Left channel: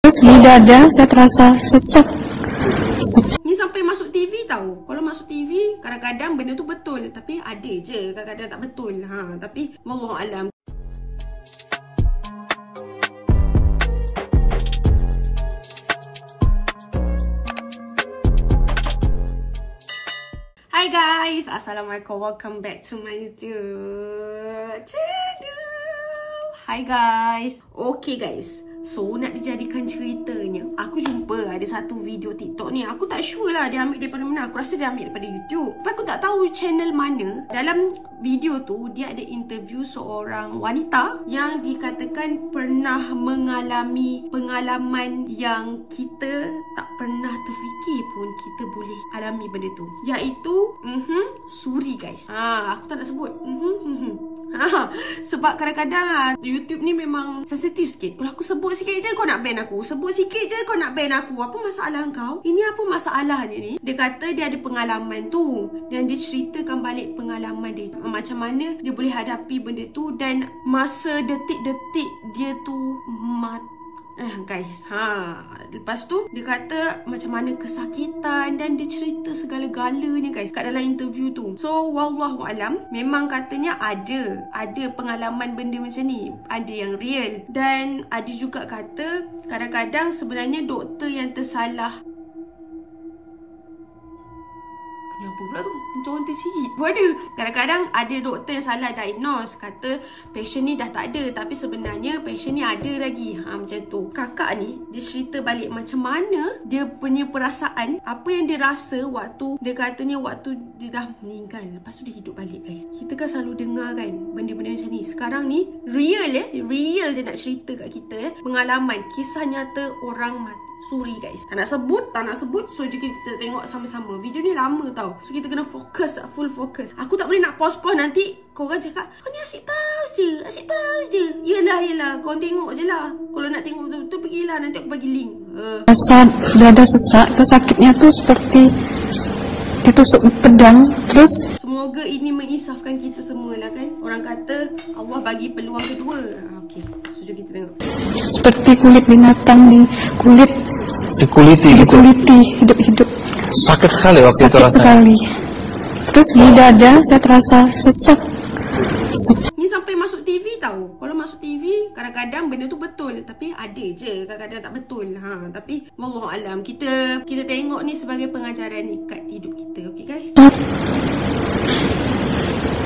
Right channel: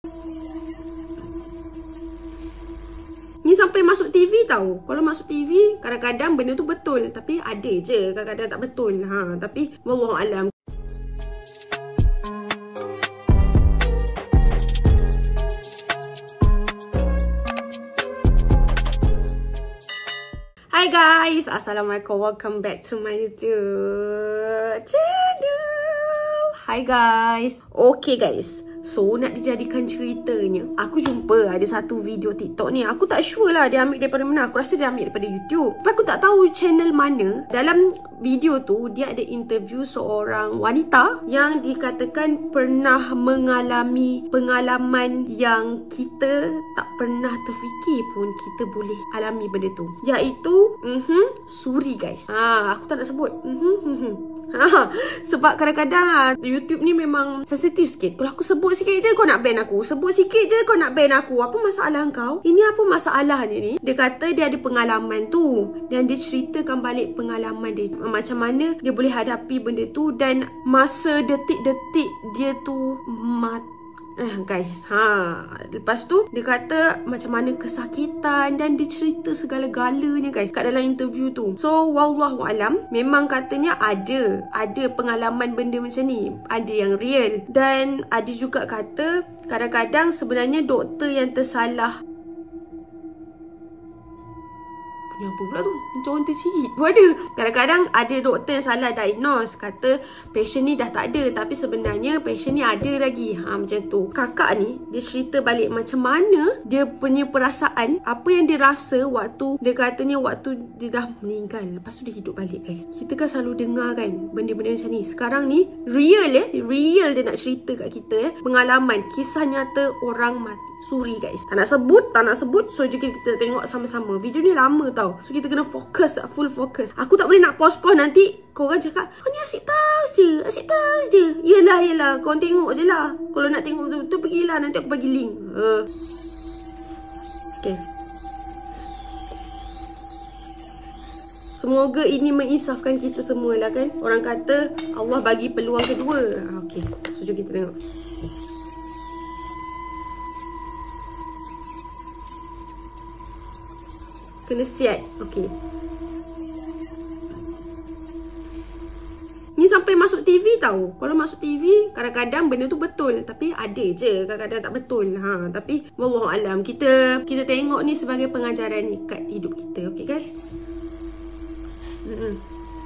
Terus di dada saya terasa sesak. Ni sampai masuk TV tahu. Kalau masuk TV kadang-kadang benda tu betul, tapi ada je kadang-kadang tak betul. Tapi wallahualam. Hi guys, assalamualaikum, welcome back to my YouTube channel. Hi guys. Okay guys, so nak dijadikan ceritanya, aku jumpa ada satu video TikTok ni. Aku tak sure lah dia ambil daripada mana. Aku rasa dia ambil daripada YouTube, tapi aku tak tahu channel mana. Dalam video tu dia ada interview seorang wanita yang dikatakan pernah mengalami pengalaman yang kita tak pernah terfikir pun kita boleh alami benda tu, iaitu suri guys. Aku tak nak sebut sebab kadang-kadang YouTube ni memang sensitif sikit. Kalau aku sebut sikit je kau nak ban aku, sebut sikit je kau nak ban aku. Apa masalah kau? Ini apa masalahnya ni? Dia kata dia ada pengalaman tu dan dia ceritakan balik pengalaman dia, macam mana dia boleh hadapi benda tu dan masa detik-detik dia tu mati. Guys, lepas tu dia kata macam mana kesakitan dan dia cerita segala-galanya guys kat dalam interview tu. So wallahualam, memang katanya ada pengalaman benda macam ni, ada yang real, dan ada juga kata kadang-kadang sebenarnya doktor yang tersalah. Apa pula tu? Macam orang tercirit. Kadang-kadang ada doktor yang salah diagnose, kata patient ni dah tak ada, tapi sebenarnya patient ni ada lagi. Macam tu. Kakak ni dia cerita balik macam mana dia punya perasaan, apa yang dia rasa waktu dia katanya waktu dia dah meninggal, lepas tu dia hidup balik guys. Kita kan selalu dengar kan benda-benda macam ni. Sekarang ni real real dia nak cerita kat kita pengalaman, kisah nyata orang mati suri guys. Tak nak sebut. So jom kita tengok sama-sama. Video ni lama tau, so kita kena fokus, full fokus. Aku tak boleh nak pause nanti korang cakap kau ni asyik pause je. Yelah kau tengok je lah. Kalau nak tengok betul-betul pergilah, nanti aku bagi link. Rasa dada sesak, terus sakitnya tuh seperti ditusuk pedang. Terus semoga ini menginsafkan kita semua lah kan. Orang kata Allah bagi peluang kedua. Okay, so jom kita tengok. Seperti kulit binatang dikuliti hidup-hidup. Sakit sekali waktu itu rasanya. Sekali. Terus di dada saya terasa sesak. Ni sampai masuk TV tahu. Kalau masuk TV kadang-kadang benda tu betul, tapi ada je kadang-kadang tak betul. Tapi wallahualam, kita tengok ni sebagai pengajaran ni kat hidup kita. Okay guys.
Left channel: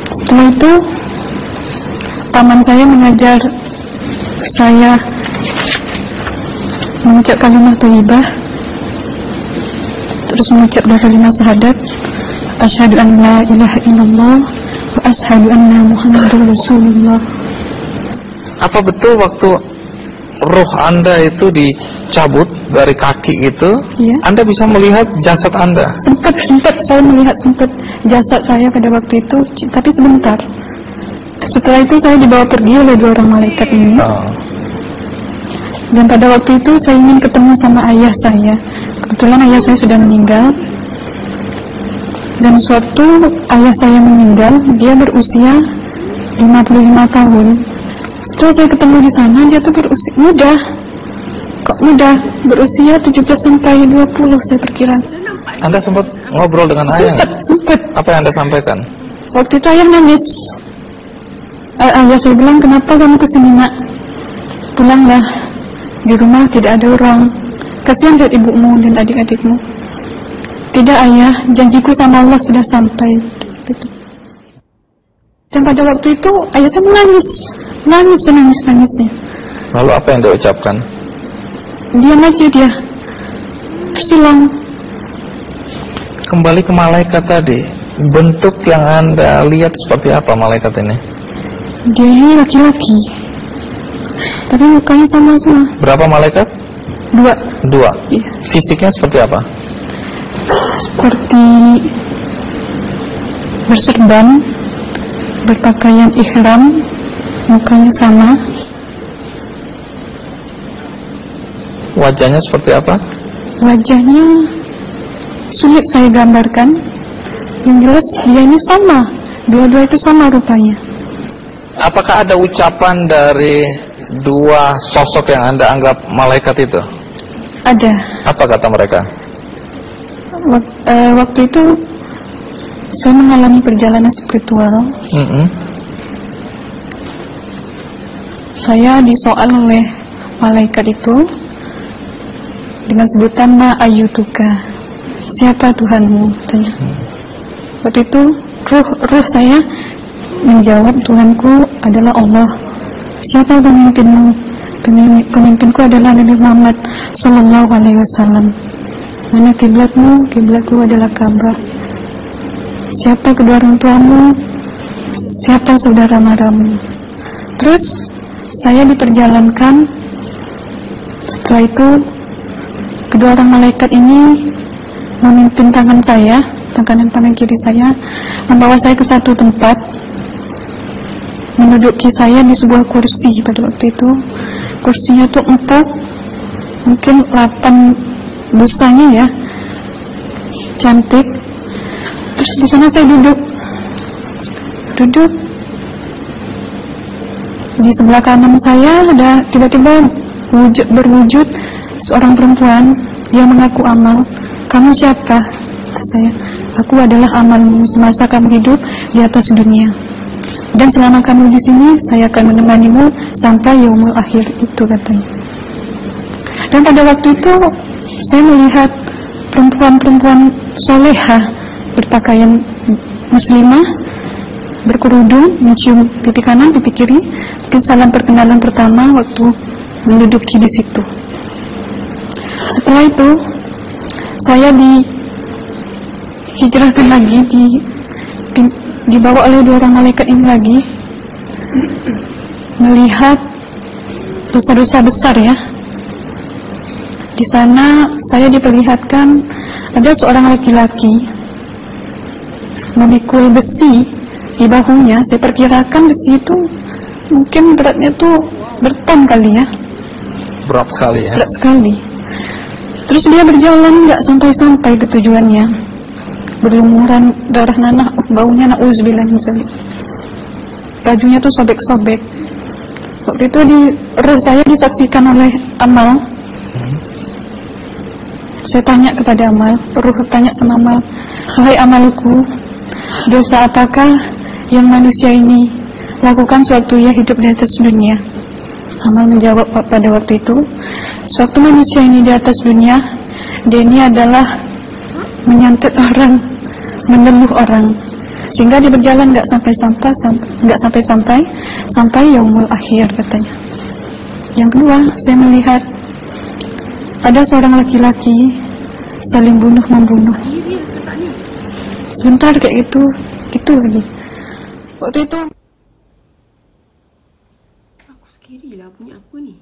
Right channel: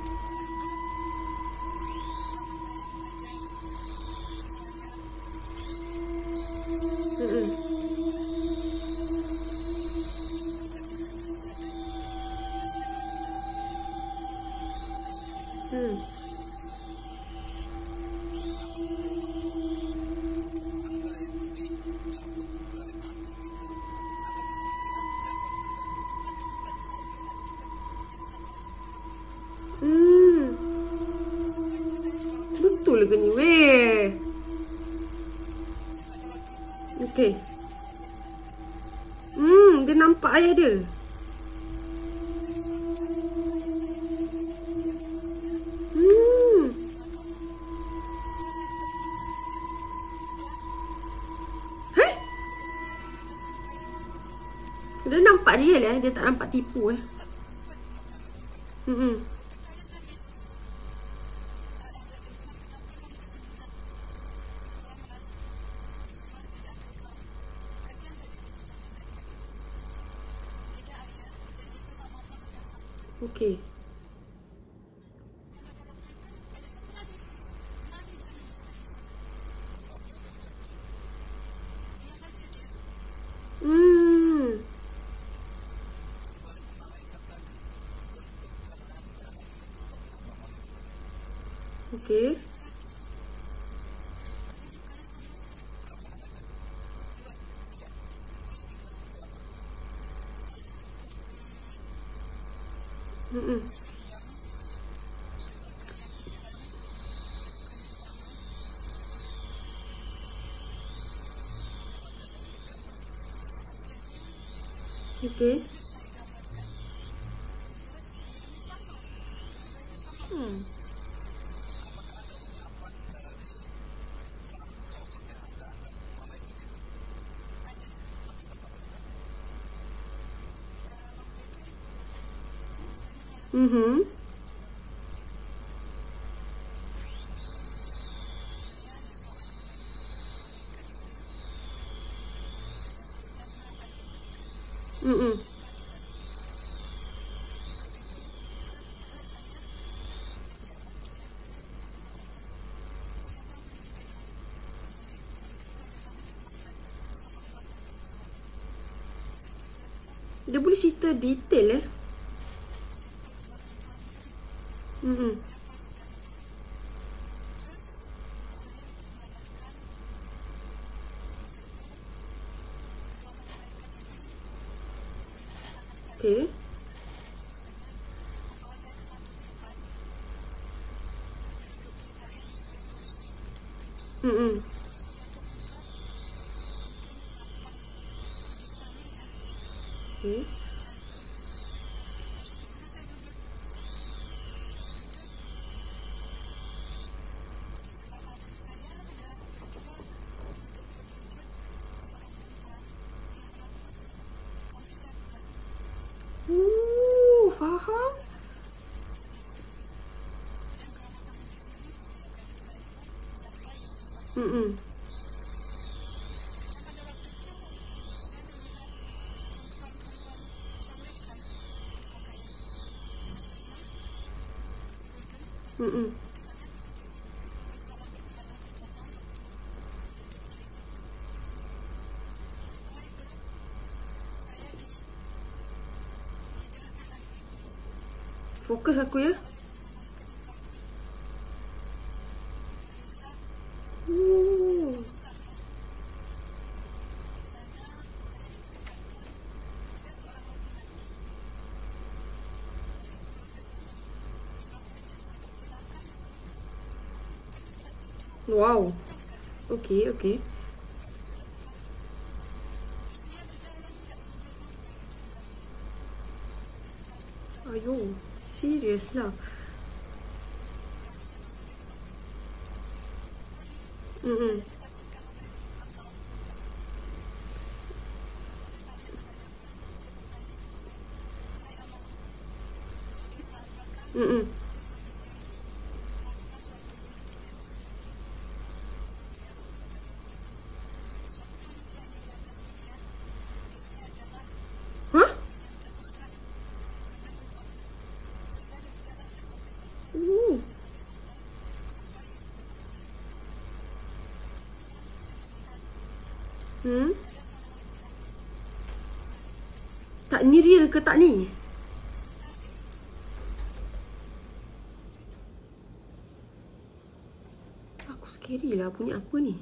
Setelah itu paman saya mengajar saya mengucap kalimat thayyibah, terus mengucap doa kalimat syahadat, asyhadu an la ilaha illallah wa asyhadu anna muhammadar rasulullah. Apa betul waktu roh Anda itu dicabut dari kaki gitu, ya, Anda bisa melihat jasad Anda? Sempat saya melihat jasad saya pada waktu itu, tapi sebentar. Setelah itu saya dibawa pergi oleh dua orang malaikat ini. Dan pada waktu itu saya ingin ketemu sama ayah saya. Kebetulan ayah saya sudah meninggal. Dan suatu ayah saya meninggal, dia berusia 55 tahun. Setelah saya ketemu di sana, dia tuh berusia muda. Kok muda? Berusia 17 sampai 20 saya perkira. Anda sempat ngobrol dengan ayah? Sempat. Apa yang Anda sampaikan? Waktu itu ayah nangis. Ayah saya bilang, kenapa kamu kesini nak? Pulanglah. Di rumah tidak ada orang. Kasihan lihat ibumu dan adik-adikmu. Tidak ayah, janjiku sama Allah sudah sampai. Dan pada waktu itu ayah saya menangis. Lalu apa yang dia ucapkan? Diam aja dia, bersilang. Kembali ke malaikat tadi, bentuk yang Anda lihat seperti apa malaikat ini? Dia ini laki-laki, tapi mukanya sama semua. Berapa malaikat? Dua. Iya. Fisiknya seperti apa? Seperti berserban, berpakaian ihram, mukanya sama. Wajahnya seperti apa? Wajahnya sulit saya gambarkan. Yang jelas dia ini sama, dua-dua itu sama rupanya. Apakah ada ucapan dari dua sosok yang Anda anggap malaikat itu? Ada. Apa kata mereka? Waktu itu saya mengalami perjalanan spiritual. Saya disoal oleh malaikat itu dengan sebutan Ma ayyutuka, siapa Tuhanmu, katanya. Waktu itu ruh saya menjawab, Tuhanku adalah Allah. Siapa pemimpinmu? Pemimpinku adalah Nabi Muhammad Sallallahu Alaihi Wasallam. Mana kiblatmu? Kiblatku adalah Ka'bah. Siapa kedua orang tuamu? Siapa saudara maramu? Terus saya diperjalankan. Setelah itu kedua orang malaikat ini memimpin tangan saya, tangan kiri saya, membawa saya ke satu tempat, menduduki saya di sebuah kursi. Pada waktu itu kursinya tuh empuk, mungkin 8 busanya ya, cantik. Terus di sana saya duduk. Di sebelah kanan saya ada tiba-tiba berwujud seorang perempuan. Dia mengaku Amal. Kamu siapa? Kata saya. Aku adalah amalmu semasa kamu hidup di atas dunia. Dan selama kamu di sini, saya akan menemanimu sampai yaumul akhir, itu katanya. Dan pada waktu itu saya melihat perempuan-perempuan solehah berpakaian muslimah, berkerudung, mencium pipi kanan, pipi kiri. Mungkin salam perkenalan pertama waktu menduduki di situ. Setelah itu saya dihijrahkan lagi, dibawa oleh dua orang malaikat ini lagi, melihat dosa-dosa besar ya. Di sana saya diperlihatkan ada seorang laki-laki memikul besi di bahunya. Saya perkirakan besi itu mungkin beratnya tuh berton kali ya. Berat sekali ya. Berat sekali. Terus dia berjalan nggak sampai-sampai ke tujuannya, berlumuran darah nanah, baunya na'udzubillah min dzalik. Bajunya tuh sobek-sobek. Waktu itu roh saya disaksikan oleh Amal. Saya tanya kepada Amal, roh tanya sama Amal, wahai Amalku, dosa apakah yang manusia ini lakukan sewaktu ia hidup di atas dunia? Amal menjawab pada waktu itu, sewaktu manusia ini di atas dunia, dia ini adalah menyantet orang, meneluh orang, sehingga dia berjalan nggak sampai yaumul akhir, katanya. Yang kedua, saya melihat ada seorang laki-laki saling membunuh. Ini real ke tak ni? Sebentar kayak gitu lagi. Waktu itu aku scary lah, punya apa ni?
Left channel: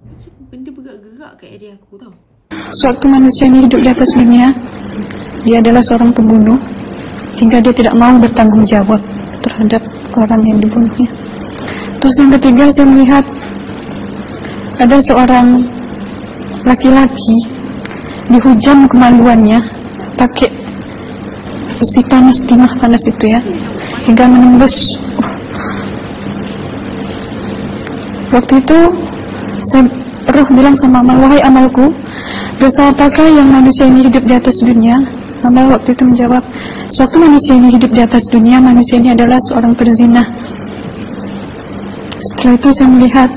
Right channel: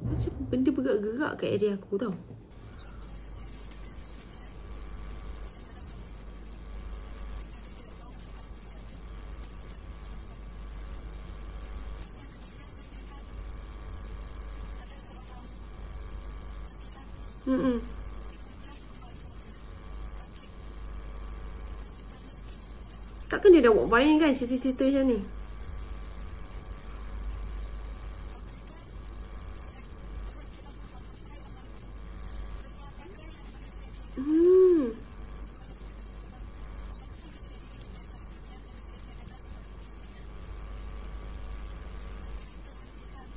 Macam benda bergerak-gerak kat area aku tau. Sewaktu manusia ini hidup di atas dunia, dia adalah seorang pembunuh, hingga dia tidak mau bertanggung jawab terhadap orang yang dibunuhnya. Terus yang ketiga, saya melihat ada seorang laki-laki dihujam kemaluannya pakai besi panas, timah panas itu ya, hingga menembus. Waktu itu roh bilang sama Amal, wahai Amalku, dosa apakah yang manusia ini hidup di atas dunia? Amal waktu itu menjawab, sewaktu manusia ini hidup di atas dunia, manusia ini adalah seorang perzina. Setelah itu saya melihat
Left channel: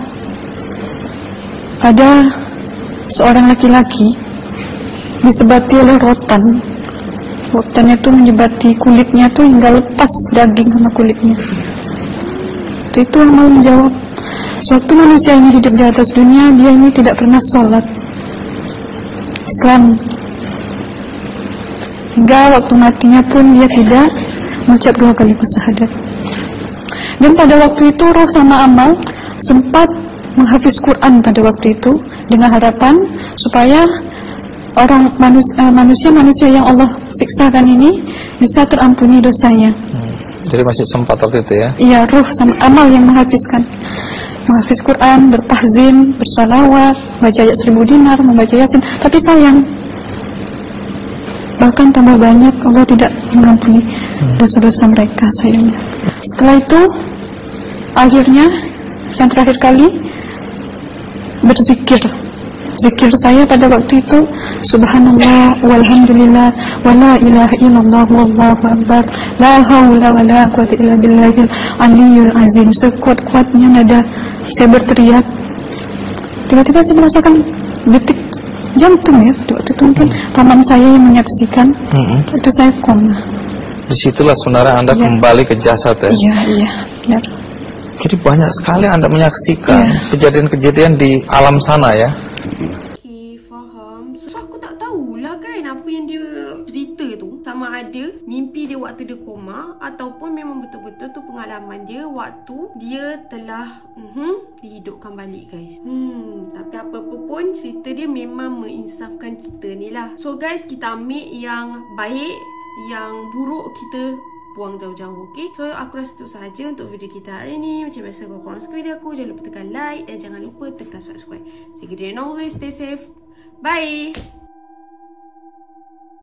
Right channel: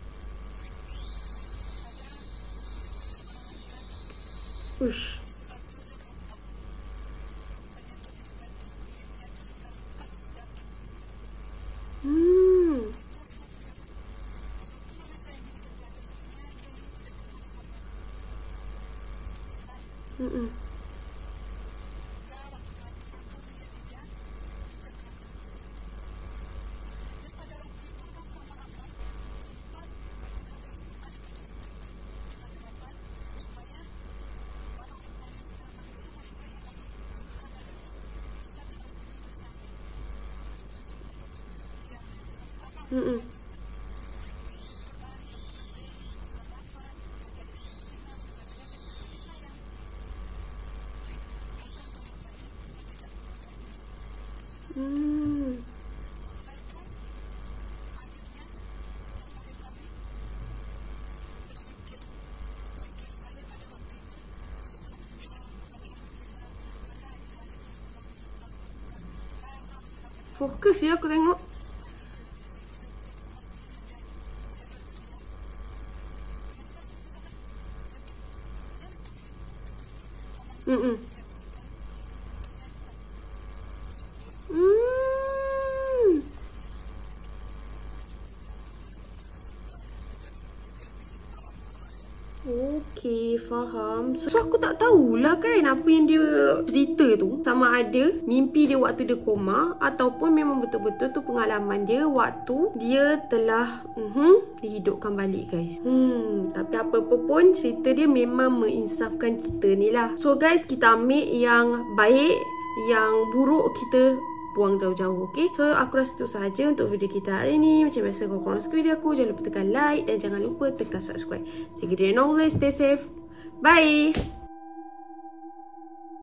ada seorang laki-laki disebati oleh rotan. Rotannya itu menyebati kulitnya tuh hingga lepas daging sama kulitnya. Itu Amal menjawab, sewaktu manusia ini hidup di atas dunia, dia ini tidak pernah sholat Islam, hingga waktu matinya pun dia tidak mengucap 2 kalimat syahadat. Dan pada waktu itu roh sama Amal sempat menghafiz Quran pada waktu itu, dengan harapan supaya orang manusia yang Allah siksakan ini bisa terampuni dosanya. Jadi masih sempat waktu itu ya? Iya, roh sama Amal yang menghafiz Quran, bertahzim, bersalawat, baca ayat 1000 dinar, membaca Yasin. Tapi sayang, bahkan tambah banyak, Allah tidak mengampuni dosa-dosa mereka, sayangnya. Setelah itu, akhirnya yang terakhir kali berzikir zikir saya pada waktu itu subhanallah walhamdulillah wala ilaha illallah wallahu akbar la haula wala quwwata illa billahil aliyul azim. Sekuat-kuatnya nada saya berteriak, tiba-tiba saya merasakan detik jantung ya. Waktu itu mungkin paman saya yang menyaksikan. Itu saya koma. Disitulah saudara Anda kembali ke jasad ya. Iya, benar. Jadi banyak sekali Anda menyaksikan kejadian-kejadian di alam sana ya. Okey, faham. So aku tak tahulah kan apa yang dia cerita tu. Sama ada mimpi dia waktu dia koma ataupun memang betul-betul tu pengalaman dia waktu dia telah dihidupkan balik guys. Tapi apa-apa pun cerita dia memang menginsafkan kita ni lah. So guys, kita ambil yang baik, yang buruk kita buang jauh-jauh, okay? So, aku rasa itu sahaja untuk video kita hari ni. Macam biasa, kalau korang suka video aku, jangan lupa tekan like dan jangan lupa tekan subscribe. Jaga diri and always stay safe. Bye!